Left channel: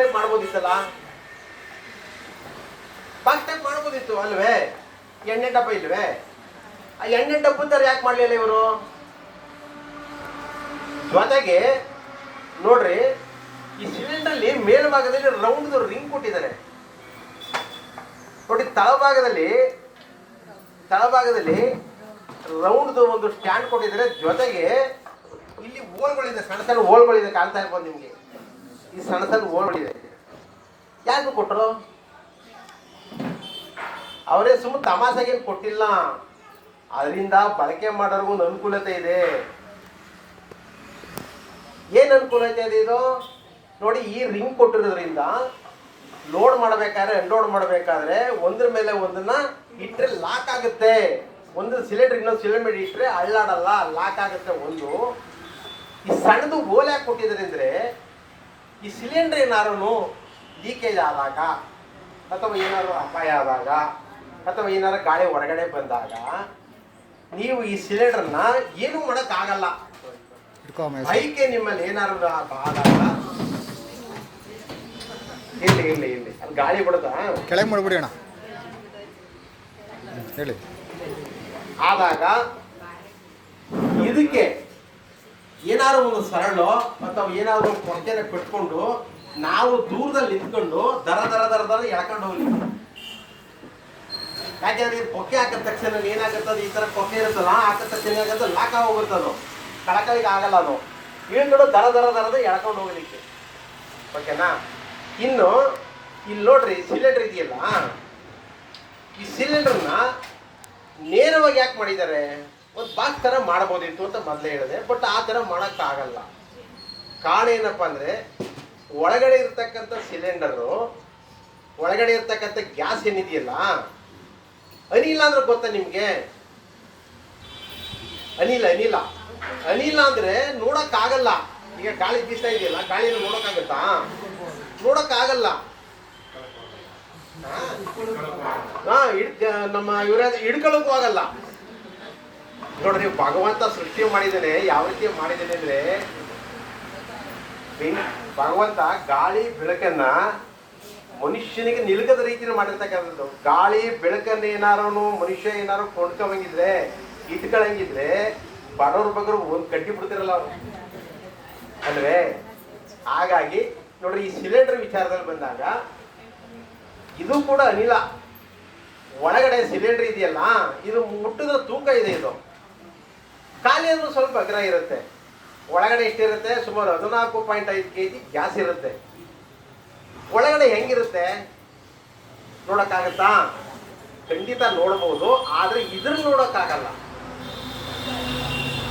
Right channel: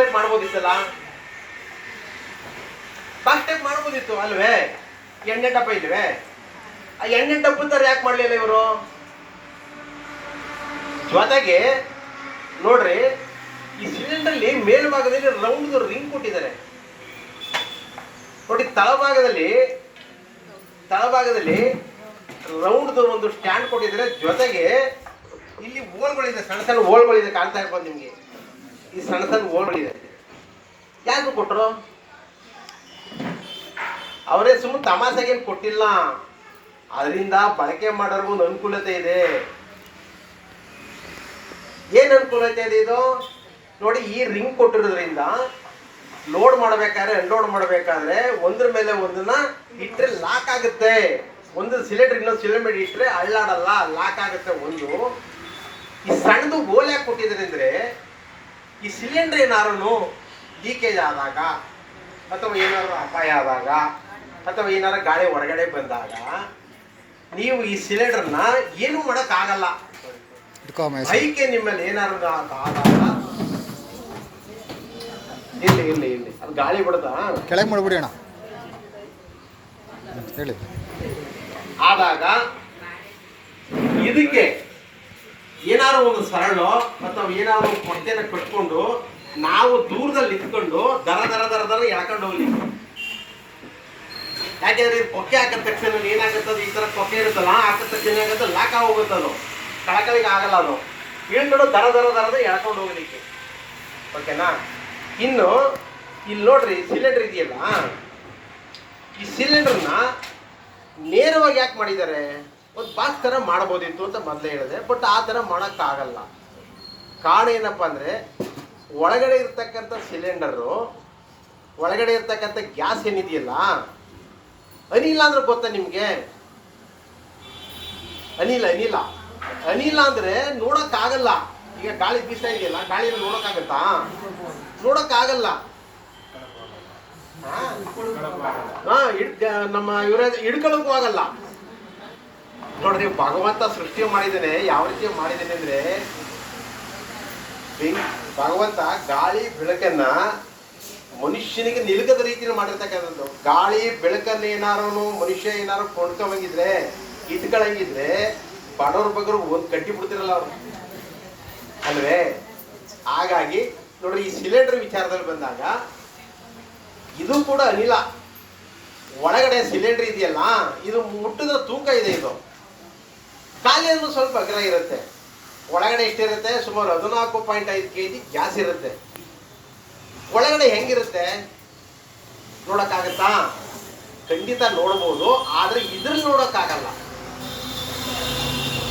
Type ಮಾಡ್ಬೋದಿತ್ತಲ್ಲ, box type ಮಾಡ್ಬೋದಿತ್ತು ಅಲ್ವೇ? ಎಣ್ಣೆ ಡಬ್ಬ ಇಲ್ವೇ? ಆ ಎಣ್ಣೆ ಡಬ್ಬ ತರ ಯಾಕೆ ಮಾಡ್ಲಿಲ್ಲ ಇವರು? ಜೊತೆಗೆ ನೋಡ್ರಿ, ಈ ಸಿಲಿಂಡರ್ ಅಲ್ಲಿ ಮೇಲ್ಭಾಗದಲ್ಲಿ ರೌಂಡ್ ರಿಂಗ್ ಕೊಟ್ಟಿದ್ದಾರೆ ನೋಡಿ. ತಳಭಾಗದಲ್ಲಿ ರೌಂಡ್ ಒಂದು ಸ್ಟ್ಯಾಂಡ್ ಕೊಟ್ಟಿದ್ದಾರೆ. ಜೊತೆಗೆ ಇಲ್ಲಿ ಹೋಲ್ಗಳಿದೆ, ಸಣ್ಣ ಸಣ್ಣ ಹೋಲ್ಗಳಿದೆ, ಕಾಣ್ತಾ ಇರ್ಬೋದು ನಿಮ್ಗೆ. ಈ ಸಣ್ಣ ಸಣ್ಣ ಹೋಲ್ಗಳಿದೆ. ಯಾಕೆ ಕೊಟ್ಟರು? ಅವರೇ ಸುಮ್ಮನೆ ತಮಾಷೆಗೆ ಕೊಟ್ಟಿಲ್ಲ, ಅದರಿಂದ ಬಳಕೆ ಮಾಡೋರ್ಗು ಒಂದು ಅನುಕೂಲತೆ ಇದೆ. ಏನ್ ಅನುಕೂಲತೆ ಇದೆ ಇದು ನೋಡಿ. ಈ ರಿಂಗ್ ಕೊಟ್ಟಿರೋದ್ರಿಂದ ಲೋಡ್ ಮಾಡಬೇಕಾದ್ರೆ ಅನ್ಲೋಡ್ ಮಾಡಬೇಕಾದ್ರೆ ಒಂದ್ರ ಮೇಲೆ ಒಂದನ್ನ ಇಟ್ಟರೆ ಲಾಕ್ ಆಗುತ್ತೆ. ಒಂದು ಸಿಲಿಂಡರ್ ಇನ್ನೊಂದು ಸಿಲಿಂಡರ್ ಇಟ್ಟರೆ ಅಳ್ಳಾಡಲ್ಲ, ಲಾಕ್ ಆಗುತ್ತೆ. ಒಂದು ಈ ಸಣ್ಣದು ಗೋಲ್ ಯಾಕೆ ಕೊಟ್ಟಿದ್ರೆ ಅಂದ್ರೆ, ಈ ಸಿಲಿಂಡರ್ ಏನಾರು ಲೀಕೇಜ್ ಆದಾಗ ಅಥವಾ ಏನಾದ್ರು ಅಪಾಯ ಆದಾಗ ಅಥವಾ ಏನಾದ್ರು ಗಾಳಿ ಹೊರಗಡೆ ಬಂದಾಗ ನೀವು ಈ ಸಿಲಿಂಡರ್ನ ಏನು ಮಾಡಕ್ ಆಗಲ್ಲ. ಬೈಕೆ ನಿಮ್ಮಲ್ಲಿ ಏನಾರು ಆದಾಗ ಇಲ್ಲಿ ಅದು ಗಾಳಿ ಬಿಡುತ್ತಾ ಕೆಳಗೆ ಮಾಡ್ಬಿಡಿ ಅಣ್ಣ ಹೇಳಿ. ಆದಾಗ ಇದಕ್ಕೆ ಏನಾದ್ರು ಒಂದು ಸರಳು ಅಥವಾ ಏನಾದ್ರು ಒಂದು ಕೊಡ್ತೇನೆ ಕಟ್ಕೊಂಡು ನಾವು ದೂರದಲ್ಲಿ ನಿಂತ್ಕೊಂಡು ದರ ಎಳ್ಕೊಂಡು ಹೋಗ್ಲಿ. ಯಾಕೆಂದ್ರೆ ಇದು ಕೊಕ್ಕೆ ಹಾಕಿದ ತಕ್ಷಣ ಏನಾಗುತ್ತದು, ಈ ತರ ಕೊಕ್ಕೆ ಇರುತ್ತಲ್ಲ, ಹಾಕಿದ ತಕ್ಷಣ ಏನಾಗುತ್ತೆ, ಲಾಕ್ ಹೋಗುತ್ತದು, ಕಳಕಳಿಗೆ ಆಗಲ್ಲ. ಅದು ಇಳ್ಕೊಂಡು ದರ ಎಳ್ಕೊಂಡು ಹೋಗ್ಲಿಕ್ಕೆ. ಓಕೆನಾ? ಇನ್ನು ಇಲ್ಲಿ ನೋಡ್ರಿ, ಸಿಲಿಂಡರ್ ಇದೆಯಲ್ಲ, ಈ ಸಿಲಿಂಡರ್ನ ನೇರವಾಗಿ ಯಾಕೆ ಮಾಡಿದ್ದಾರೆ? ಒಂದು ಬಾಕ್ಸ್ ತರ ಮಾಡ್ಬೋದಿತ್ತು ಅಂತ ಮೊದಲೇ ಹೇಳಿದೆ. ಬಟ್ ಆ ತರ ಮಾಡೋಕ್ಕಾಗಲ್ಲ. ಕಾರಣ ಏನಪ್ಪಾ ಅಂದ್ರೆ, ಒಳಗಡೆ ಇರ್ತಕ್ಕಂಥ ಸಿಲಿಂಡರು, ಒಳಗಡೆ ಇರ್ತಕ್ಕಂಥ ಗ್ಯಾಸ್ ಏನಿದೆಯಲ್ಲ, ಅನಿಲ ಅಂದ್ರೆ ಗೊತ್ತಾ ನಿಮ್ಗೆ? ಅನಿಲ ಅಂದ್ರೆ ನೋಡಕ್ಕಾಗಲ್ಲ. ಈಗ ಗಾಳಿ ಬೀಸ್ತಾ ಇದೆಯಲ್ಲ, ಗಾಳಿಯಲ್ಲಿ ನೋಡಕ್ಕಾಗತ್ತಾ? ನೋಡಕ್ಕಾಗಲ್ಲ. ನಮ್ಮ ಇವರ ಹಿಡ್ಕೊಳ್ಳೋಕ್ಕೂ ಆಗಲ್ಲ. ನೋಡ್ರಿ, ಭಗವಂತ ಸೃಷ್ಟಿ ಮಾಡಿದ್ದಾನೆ, ಯಾವ ರೀತಿ ಮಾಡಿದ್ದಾನೆ ಅಂದ್ರೆ, ಭಗವಂತ ಗಾಳಿ ಬೆಳಕನ್ನ ಮನುಷ್ಯನಿಗೆ ನಿಲುಕದ ರೀತಿಯಲ್ಲಿ ಮಾಡಿರ್ತಕ್ಕಂಥದ್ದು. ಗಾಳಿ ಬೆಳಕನ್ನ ಏನಾರು ಮನುಷ್ಯ ಏನಾರು ಕೊಂಡ್ಕೊಂಬಂಗಿದ್ರೆ, ಇಟ್ಕೊಳಂಗಿದ್ರೆ, ಬಡವ್ರ ಬಗ್ರು ಒಂದ್ ಕಟ್ಟಿ ಬಿಡ್ತಿರಲ್ಲ ಅವ್ರು ಅಲ್ವೇ? ಹಾಗಾಗಿ ನೋಡ್ರಿ, ಈ ಸಿಲಿಂಡರ್ ವಿಚಾರದಲ್ಲಿ ಬಂದಾಗ ಇದು ಕೂಡ ಅನಿಲ. ಒಳಗಡೆ ಸಿಲಿಂಡರ್ ಇದೆಯಲ್ಲ, ಇದು ಮುಟ್ಟದ ತೂಕ ಇದೆ. ಇದು ಖಾಲಿ ಅಂದ್ರೆ ಸ್ವಲ್ಪ ಅಗ್ರ ಇರುತ್ತೆ. ಒಳಗಡೆ ಎಷ್ಟಿರುತ್ತೆ? ಸುಮಾರು 14.5 kg ಗ್ಯಾಸ್ ಇರುತ್ತೆ. ಒಳಗಡೆ ಹೆಂಗಿರುತ್ತೆ ನೋಡಕ್ಕಾಗತ್ತಾ? ಖಂಡಿತ ನೋಡ್ಬೋದು, ಆದ್ರೆ ಇದ್ರಲ್ಲಿ ನೋಡಕ್ಕಾಗಲ್ಲ.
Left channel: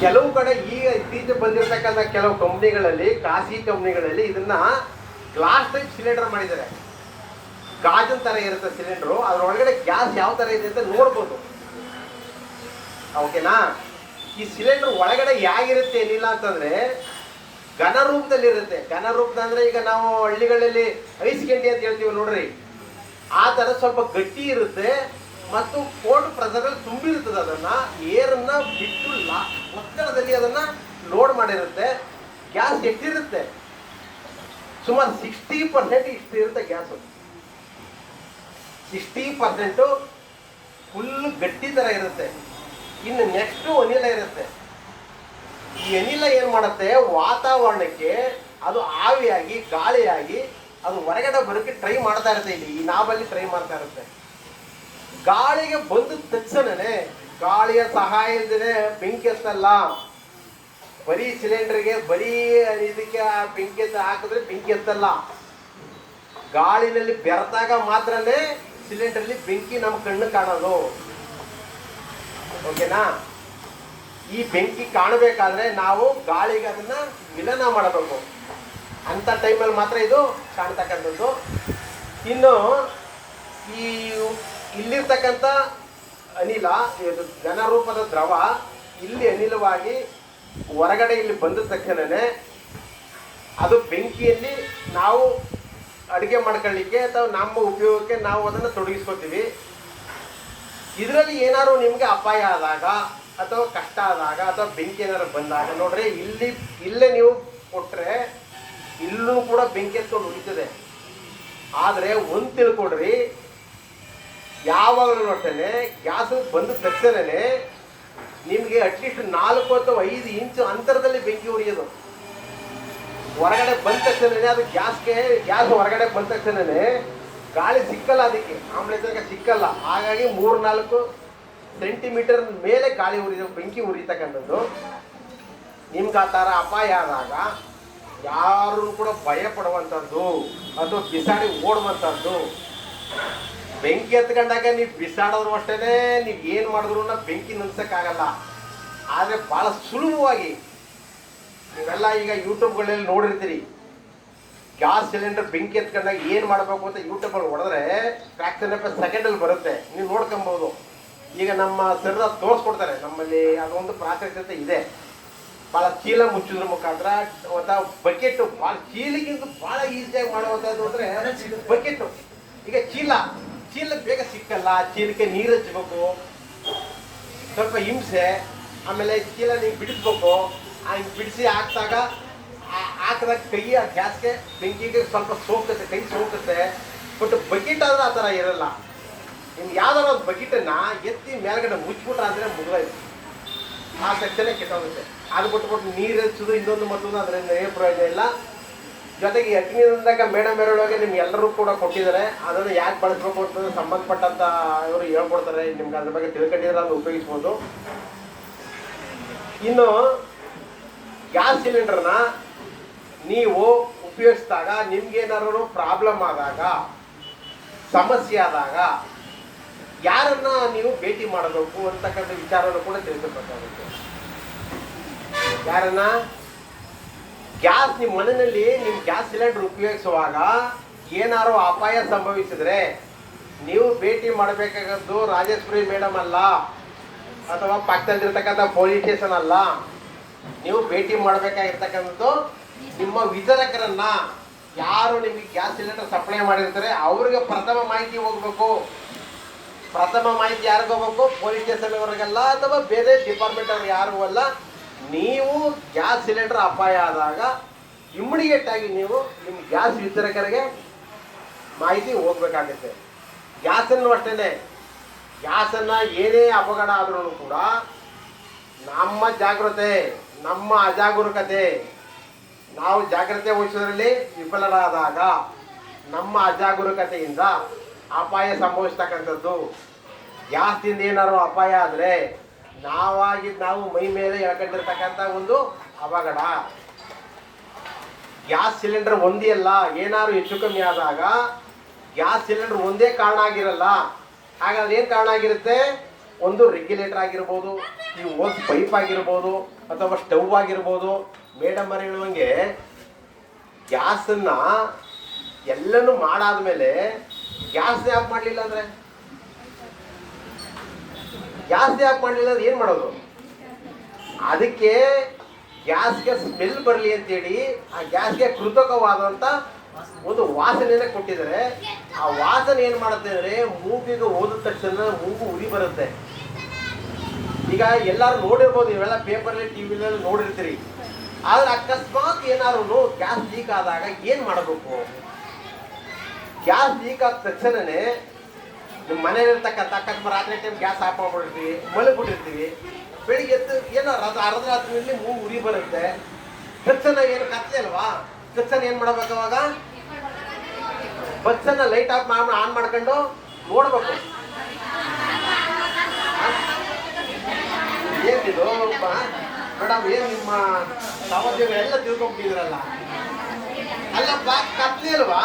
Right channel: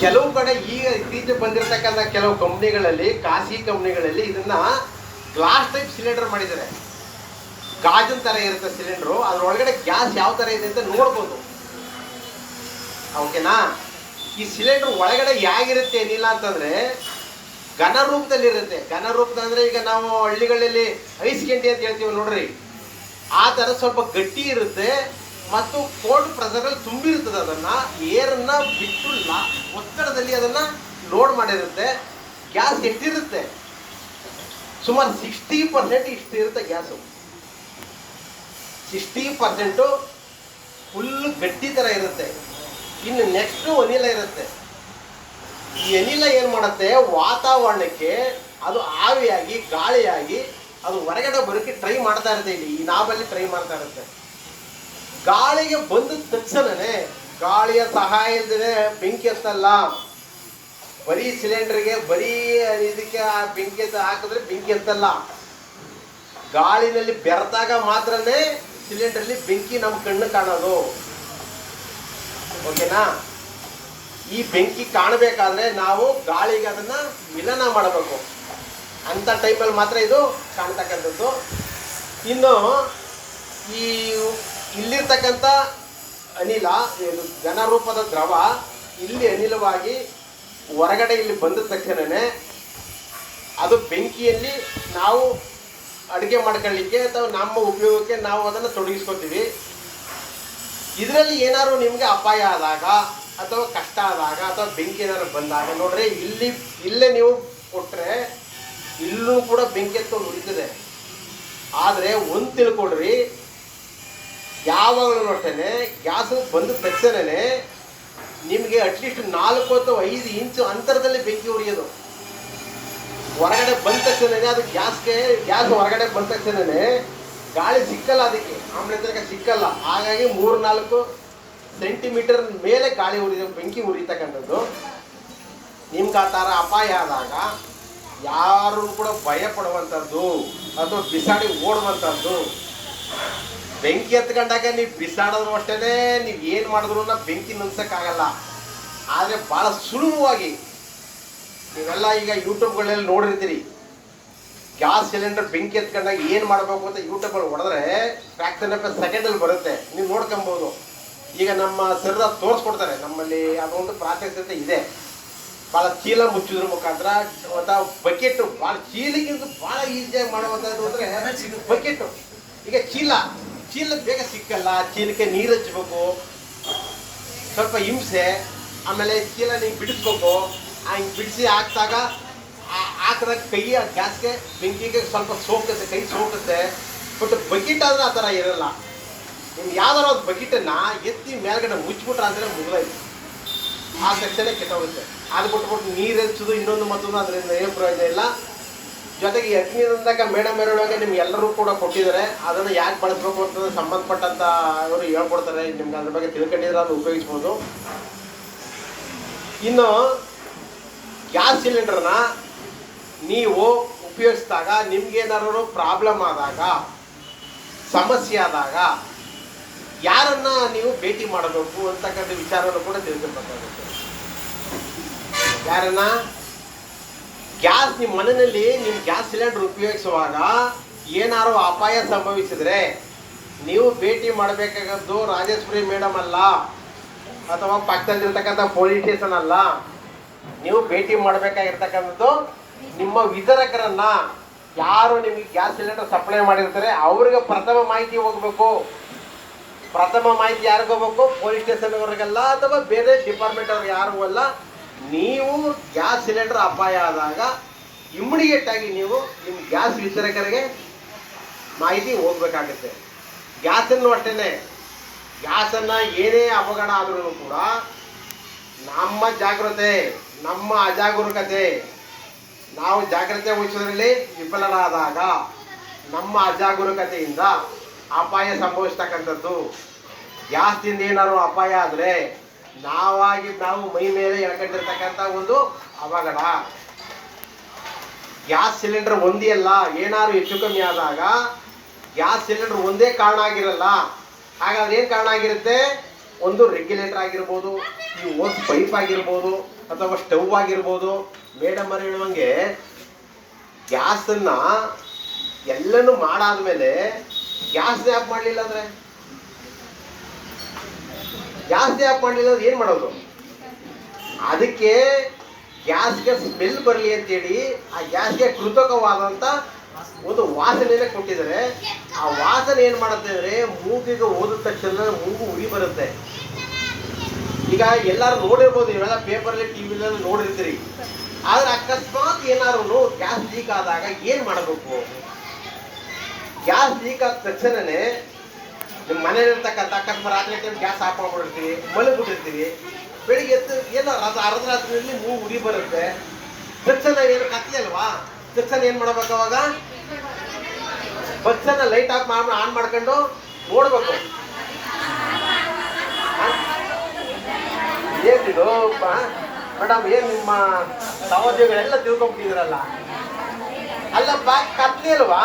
ಕೆಲವು ಕಡೆ ಈಗ ಇತ್ತೀಚೆಗೆ ಬಂದಿರತಕ್ಕಂಥ ಕೆಲವು ಕಂಪ್ನಿಗಳಲ್ಲಿ, ಖಾಸಗಿ ಕಂಪ್ನಿಗಳಲ್ಲಿ ಇದನ್ನ ಗ್ಲಾಸ್ ಟೈಪ್ ಸಿಲಿಂಡರ್ ಮಾಡಿದ್ದಾರೆ. ಗಾಜಿನ ತರ ಇರುತ್ತೆ ಸಿಲಿಂಡರ್, ಅದ್ರೊಳಗಡೆ ಗ್ಯಾಸ್ ಯಾವ ತರ ಇದೆ ಅಂತ ನೋಡ್ಬೋದು. ಓಕೆನಾ? ಈ ಸಿಲಿಂಡರ್ ಒಳಗಡೆ ಹೇಗಿರುತ್ತೆ ಏನಿಲ್ಲ ಅಂತಂದ್ರೆ, ಘನ ರೂಪದಲ್ಲಿ ಇರುತ್ತೆ. ಘನ ರೂಪದ ಅಂದ್ರೆ ಈಗ ನಾವು ಹಳ್ಳಿಗಳಲ್ಲಿ ಐಸ್ ಕೆಂಡಿ ಅಂತ ಹೇಳ್ತೀವಿ ನೋಡ್ರಿ, ಆ ತರ ಸ್ವಲ್ಪ ಗಟ್ಟಿ ಇರುತ್ತೆ ಮತ್ತು ಕೋಲ್ಡ್ ಪ್ರೆಷರ್ ಅಲ್ಲಿ ತುಂಬಿರ್ತದೆ. ಅದನ್ನ ಏರನ್ನ ಬಿಟ್ಟು ಒತ್ತಡದಲ್ಲಿ ಅದನ್ನ ಲೋಡ್ ಮಾಡಿರುತ್ತೆ. ಗ್ಯಾಸ್ ಎಷ್ಟಿರುತ್ತೆ? ಸುಮಾರು 60% ಇಷ್ಟು ಇರುತ್ತೆ ಗ್ಯಾಸ್. 60% ಫುಲ್ ಗಟ್ಟಿ ತರ ಇರುತ್ತೆ. ಇನ್ನು ನೆಕ್ಸ್ಟ್ ಅನಿಲ ಇರುತ್ತೆ. ಈ ಅನಿಲ ಏನ್ ಮಾಡುತ್ತೆ, ವಾತಾವರಣಕ್ಕೆ ಅದು ಆವಿಯಾಗಿ ಗಾಳಿಯಾಗಿ ಅದು ಹೊರಗಡೆ ಬರೋಕ್ಕೆ ಟ್ರೈ ಮಾಡ್ತಾ ಇರುತ್ತೆ. ಇಲ್ಲಿ ಈ ನಾಬಲ್ಲಿ ಟ್ರೈ ಮಾಡ್ತಾ ಇರುತ್ತೆ. ಗಾಳಿಗೆ ಬಂದ ತಕ್ಷಣನೇ, ಗಾಳಿಯ ಸಹಾಯ ಇಲ್ಲದೆ ಬೆಂಕಿ ಹತ್ತಲ್ಲ. ಬರೀ ಸಿಲಿಂಡರ್ಗೆ ಬರೀ ಇದಕ್ಕೆ ಬೆಂಕಿ ಹಾಕಿದ್ರೆ ಬೆಂಕಿ ಹತ್ತಲ್ಲ. ಗಾಳಿನಲ್ಲಿ ಬೆರೆತಾಗ ಮಾತ್ರನೇ ಸಿಲಿಂಡರ್ಲಿ ಬೆಂಕಿ ನಮ್ಮ ಕಣ್ಣು ಕಾಣೋದು. ಓಕೆನಾ? ಈ ಬೆಂಕಿ ಕಾಣಬೇಕಾದ್ರೆ ನಾವು ಗಾಳಿಗೆ ಅದನ್ನ ವಿಲನ ಮಾಡಬೇಕು. ಅಂತ ಟೈಮಲ್ಲಿ ಮಾತ್ರ ಇದು ಕಾಣ್ತಕ್ಕಂಥದ್ದು. ಇನ್ನು ಈ ಇಲ್ಲಿರ್ತಕ್ಕಂಥ ಅನಿಲ, ಘನ ರೂಪದ ದ್ರವ ಇಲ್ಲಿ ಅನಿಲವಾಗಿ ಹೊರಗಡೆ ಇಲ್ಲಿ ಬಂದ ತಕ್ಷಣನೇ ಅದು ಬೆಂಕಿಯಲ್ಲಿ ನಾವು ಅಡುಗೆ ಮಾಡ್ಕೊಳ್ಳಿಕ್ಕೆ ಅಥವಾ ನಮ್ಮ ಉಪಯೋಗಕ್ಕೆ ನಾವು ಅದನ್ನು ತೊಡಗಿಸ್ಕೊತೀವಿ. ಇದರಲ್ಲಿ ಏನಾದ್ರು ನಿಮಗೆ ಅಪಾಯ ಆದಾಗ ಅಥವಾ ಕಷ್ಟ ಆದಾಗ ಅಥವಾ ಬೆಂಕಿ ಏನಾದ್ರು ಬಂದಾಗ ನೋಡ್ರಿ, ಇಲ್ಲೇ ನೀವು ಕೊಟ್ಟರೆ ಇಲ್ಲೂ ಕೂಡ ಬೆಂಕಿ ಎತ್ಕೊಂಡು ಉಳಿತದೆ. ಆದರೆ ಒಂದು ತಿಳ್ಕೊಡ್ರಿ, ಯಾವಾಗಲೂ ಅಷ್ಟೇ ಗ್ಯಾಸ್ ಬಂದ ತಕ್ಷಣನೇ ನಿಮಗೆ ಅಟ್ಲೀಸ್ಟ್ 4 ಅಥವಾ 5 ಇಂಚು ಅಂತರದಲ್ಲಿ ಬೆಂಕಿ ಉರಿಯೋದು. ಹೊರಗಡೆ ಬಂದ ತಕ್ಷಣನೇ ಅದು ಗ್ಯಾಸ್ ಹೊರಗಡೆ ಬಂದ ತಕ್ಷಣನೇ ಗಾಳಿ ಸಿಕ್ಕಲ್ಲ, ಅದಕ್ಕೆ ಆಮ್ಲಜನಕ ಸಿಕ್ಕಲ್ಲ. ಹಾಗಾಗಿ 3-4 ಸೆಂಟಿಮೀಟರ್ ಮೇಲೆ ಗಾಳಿ ಬೆಂಕಿ ಉರಿತಕ್ಕಂಥದ್ದು. ನಿಮ್ಗೆ ಆ ಥರ ಅಪಾಯ ಆದಾಗ ಯಾರು ಕೂಡ ಭಯ ಪಡುವಂಥದ್ದು ಅಥವಾ ಬಿಸಾಡಿ ಓಡುವಂಥದ್ದು. ಬೆಂಕಿ ಹತ್ಕೊಂಡಾಗ ನೀವು ಬಿಸಾಡೋದು ಅಷ್ಟೇ, ನೀವು ಏನು ಮಾಡಿದ್ರು ಬೆಂಕಿ ನಿಲ್ಸೋಕ್ಕಾಗಲ್ಲ. ಆದರೆ ಭಾಳ ಸುಲಭವಾಗಿ ನೀವೆಲ್ಲ ಈಗ ಯೂಟ್ಯೂಬ್ಗಳಲ್ಲಿ ನೋಡಿರ್ತೀರಿ, ಗ್ಯಾಸ್ ಸಿಲಿಂಡರ್ ಬೆಂಕಿ ಎತ್ಕೊಂಡಾಗ ಏನು ಮಾಡಬೇಕು ಅಂತ ಯೂಟ್ಯೂಬಲ್ಲಿ ಹೊಡೆದ್ರೆ ಫ್ರಾಕ್ಷನ್ ಆಫ್ ಸೆಕೆಂಡಲ್ಲಿ ಬರುತ್ತೆ, ನೀವು ನೋಡ್ಕೊಬೋದು. ಈಗ ನಮ್ಮ ಸರ್ ತೋರಿಸ್ಕೊಡ್ತಾರೆ, ನಮ್ಮಲ್ಲಿ ಅದೊಂದು ಪ್ರಾತ್ಯಕ್ಷತೆ ಇದೆ. ಭಾಳ ಚೀಲ ಮುಚ್ಚಿದ್ರ ಮುಖಾಂತರ ಅಥವಾ ಬಕೆಟು, ಭಾಳ ಚೀಲಕ್ಕಿಂತ ಭಾಳ ಈಸಿಯಾಗಿ ಮಾಡುವಂಥದ್ದು ಅಂದರೆ ಬಕೆಟು. ಈಗ ಚೀಲ ಬೇಗ ಸಿಕ್ಕಲ್ಲ, ಚೀಲಕ್ಕೆ ನೀರು ಹಚ್ಚಬೇಕು, ಸ್ವಲ್ಪ ಹಿಂಸೆ. ಆಮೇಲೆ ಚೀಲ ನೀವು ಬಿಡಿಸ್ಬೇಕು, ಹಂಗೆ ಬಿಡಿಸಿ ಹಾಕಿದಾಗ ಕೈ ಗ್ಯಾಸ್ಗೆ ಬೆಂಕಿಗೆ ಸ್ವಲ್ಪ ಸೋಕುತ್ತೆ, ಕೈ ಸೋಕುತ್ತೆ. ಬಟ್ ಬಕೆಟ್ ಆದರೆ ಆ ಥರ ಇರಲ್ಲ. ನಿಮ್ಗೆ ಯಾವ್ದಾರು ಒಂದು ಬಕೆಟನ್ನು ಎತ್ತಿ ಮೇಲ್ಗಡೆ ಮುಚ್ಚಿಬಿಟ್ರೆ ಅಂದರೆ ಮುಗಿದೋಯ್ತು, ಆ ತಕ್ಷಣ ಕೆಟ್ಟೋಗುತ್ತೆ. ಅದು ಬಿಟ್ಬಿಟ್ಟು ನೀರು ಹಚ್ಚೋದು ಇನ್ನೊಂದು ಮತ್ತೊಂದು ಅದರಿಂದ ಏನು ಪ್ರಯೋಜನ ಇಲ್ಲ. ಜೊತೆಗೆ ಅಗ್ನಿನಂದಾಗ ಮೇಡಮ್ ಹೇಳುವಾಗ ನಿಮ್ಗೆ ಎಲ್ಲರೂ ಕೂಡ ಕೊಟ್ಟಿದ್ದಾರೆ, ಅದನ್ನು ಯಾಕೆ ಬಳಸಬೇಕು ಅಂತಂದ್ರೆ ಸಂಬಂಧಪಟ್ಟಂತ ಅವರು ಹೇಳ್ಕೊಡ್ತಾರೆ. ನಿಮ್ಗೆ ಅದ್ರ ಬಗ್ಗೆ ತಿಳ್ಕೊಂಡಿದ್ರೆ ಅದನ್ನು ಉಪಯೋಗಿಸ್ಬೋದು. ಇನ್ನು ಗ್ಯಾಸ್ ಸಿಲಿಂಡರ್ನ ನೀವು ಉಪಯೋಗಿಸಿದಾಗ ನಿಮ್ಗೇನಾದ್ರು ಪ್ರಾಬ್ಲಮ್ ಆದಾಗ, ಸಮಸ್ಯೆ ಆದಾಗ ಯಾರನ್ನ ನೀವು ಭೇಟಿ ಮಾಡಬೇಕು ಅಂತಕ್ಕಂಥ ವಿಚಾರವನ್ನು ಕೂಡ ತಿಳ್ಕೊಬೇಕಾಗುತ್ತೆ. ಯಾರನ್ನ ಗ್ಯಾಸ್ ನಿಮ್ಮ ಮನೆಯಲ್ಲಿ ನಿಮ್ಮ ಗ್ಯಾಸ್ ಸಿಲಿಂಡರ್ ಉಪಯೋಗಿಸುವಾಗ ಏನಾದ್ರು ಅಪಾಯ ಸಂಭವಿಸಿದ್ರೆ ನೀವು ಭೇಟಿ ಮಾಡಬೇಕಾಗದ್ದು ರಾಜೇಶ್ವರಿ ಮೇಡಮ್ ಅಲ್ಲ, ಅಥವಾ ಪಕ್ಕದಲ್ಲಿರ್ತಕ್ಕಂಥ ಪೊಲೀಸ್ ಸ್ಟೇಷನ್ ಅಲ್ಲ. ನೀವು ಭೇಟಿ ಮಾಡಬೇಕಾಗಿರ್ತಕ್ಕಂಥದ್ದು ನಿಮ್ಮ ವಿತರಕರನ್ನ, ಯಾರು ನಿಮಗೆ ಗ್ಯಾಸ್ ಸಿಲಿಂಡರ್ ಸಪ್ಲೈ ಮಾಡಿರ್ತಾರೆ ಅವರಿಗೆ ಪ್ರಥಮ ಮಾಹಿತಿ ಹೋಗ್ಬೇಕು. ಪ್ರಥಮ ಮಾಹಿತಿ ಯಾರಿಗೂ ಹೋಗ್ಬೇಕು? ಪೊಲೀಸ್ ಸ್ಟೇಷನ್ ಅವರಿಗೆಲ್ಲ ಅಥವಾ ಬೇರೆ ಡಿಪಾರ್ಟ್ಮೆಂಟ್ ಅವ್ರಿಗೆ ಯಾರಿಗೂ ಅಲ್ಲ. ನೀವು ಗ್ಯಾಸ್ ಸಿಲಿಂಡರ್ ಅಪಾಯ ಆದಾಗ ಇಮಿಡಿಯೇಟ್ ಆಗಿ ನೀವು ನಿಮ್ಮ ಗ್ಯಾಸ್ ವಿತರಕರಿಗೆ ಮಾಹಿತಿ ಹೋಗ್ಬೇಕಾಗುತ್ತೆ. ಗ್ಯಾಸನ್ನು ಅಷ್ಟೇ, ಗ್ಯಾಸನ್ನು ಏನೇ ಅಪಘಾತ ಆದ್ರೂ ಕೂಡ ನಮ್ಮ ಜಾಗೃತೆ, ನಮ್ಮ ಅಜಾಗರೂಕತೆ, ನಾವು ಜಾಗ್ರತೆ ವಹಿಸೋದ್ರಲ್ಲಿ ವಿಫಲರಾದಾಗ ನಮ್ಮ ಅಜಾಗರೂಕತೆಯಿಂದ ಅಪಾಯ ಸಂಭವಿಸ್ತಕ್ಕಂಥದ್ದು. ಗ್ಯಾಸ್ದಿಂದ ಏನಾದ್ರು ಅಪಾಯ ಆದರೆ ನಾವು ಮೈ ಮೇಲೆ ಎಳ್ಕೊಂಡಿರ್ತಕ್ಕಂಥ ಒಂದು ಅವಘಡ. ಗ್ಯಾಸ್ ಸಿಲಿಂಡರ್ ಒಂದೇ ಅಲ್ಲ, ಏನಾದ್ರು ಹೆಚ್ಚು ಕಮ್ಮಿ ಆದಾಗ ಗ್ಯಾಸ್ ಸಿಲಿಂಡರ್ ಒಂದೇ ಕಾರಣ ಆಗಿರಲ್ಲ. ಹಾಗಾದ್ರೆ ಏನು ಕಾರಣ ಆಗಿರುತ್ತೆ? ಒಂದು ರೆಗ್ಯುಲೇಟರ್ ಆಗಿರ್ಬೋದು, ಈ ಓಸ್ ಪೈಪ್ ಆಗಿರ್ಬೋದು, ಅಥವಾ ಸ್ಟವ್ ಆಗಿರ್ಬೋದು. ಮೇಡಮ್ ಅವರು ಹೇಳುವಂಗೆ ಗ್ಯಾಸನ್ನು ಎಲ್ಲನೂ ಮಾಡಾದ್ಮೇಲೆ ಗ್ಯಾಸ್ ಯಾಕೆ ಮಾಡಲಿಲ್ಲ ಅಂದರೆ ಏನು ಮಾಡೋದು? ಅದಕ್ಕೆ ಗ್ಯಾಸ್ಗೆ ಸ್ಮೆಲ್ ಬರಲಿ ಅಂತೇಳಿ ಆ ಗ್ಯಾಸ್ಗೆ ಕೃತಕವಾದಂಥ ಒಂದು ವಾಸನೆಯೇ ಕೊಟ್ಟಿದ್ದಾರೆ. ಆ ವಾಸನೆ ಏನು ಮಾಡುತ್ತೆ ಅಂದರೆ ಮೂಗಿಗೆ ಹೋದ ತಕ್ಷಣ ಮೂಗು ಉರಿ ಬರುತ್ತೆ. ಈಗ ಎಲ್ಲರೂ ನೋಡಿರ್ಬೋದು, ಇವೆಲ್ಲ ಪೇಪರಲ್ಲಿ ಟಿವಿಗಳಲ್ಲಿ ನೋಡಿರ್ತೀರಿ. ಆದರೆ ಅಕಸ್ಮಾತ್ ಏನಾದ್ರು ಗ್ಯಾಸ್ ಲೀಕ್ ಆದಾಗ ಏನು ಮಾಡಬೇಕು? ಗ್ಯಾಸ್ ಲೀಕ್ ಆದ ತಕ್ಷಣವೇ ನಿಮ್ಮ ಮನೇಲಿರ್ತಕ್ಕಂಥ ಅಕಸ್ಮಾತ್ ರಾತ್ರಿ ಟೈಮ್ ಗ್ಯಾಸ್ ಆಫ್ ಮಾಡ್ಬಿಟ್ಟಿರ್ತೀವಿ, ಮಲಗಿಬಿಟ್ಟಿರ್ತೀವಿ. ಬೆಳಿಗ್ಗೆ ಎದ್ದು ಏನೋ ಅರ್ಧ ರಾತ್ರಿಯಲ್ಲಿ ಮೂಗು ಉರಿ ಬರುತ್ತೆ. ತಕ್ಷಣ ಏನು ಕತ್ಲೆ ಅಲ್ವಾ? ತಕ್ಷಣ ಏನು ಮಾಡ್ಬೇಕು? ಅವಾಗ ಬಸ್ಸನ್ನು ಲೈಟ್ ಆನ್ ಮಾಡ್ಕೊಂಡು ನೋಡ್ಬೇಕು. ಏನಿದು ಮೇಡಮ್, ಏನು ನಿಮ್ಮ ಸಹೋದ್ಯೋಗ ಎಲ್ಲ ತಿಳ್ಕೊಂಡ್ಬಿಟ್ಟಿದ್ರಲ್ಲ? ಅಲ್ಲಪ್ಪ, ಕತ್ಲೆ ಅಲ್ವಾ?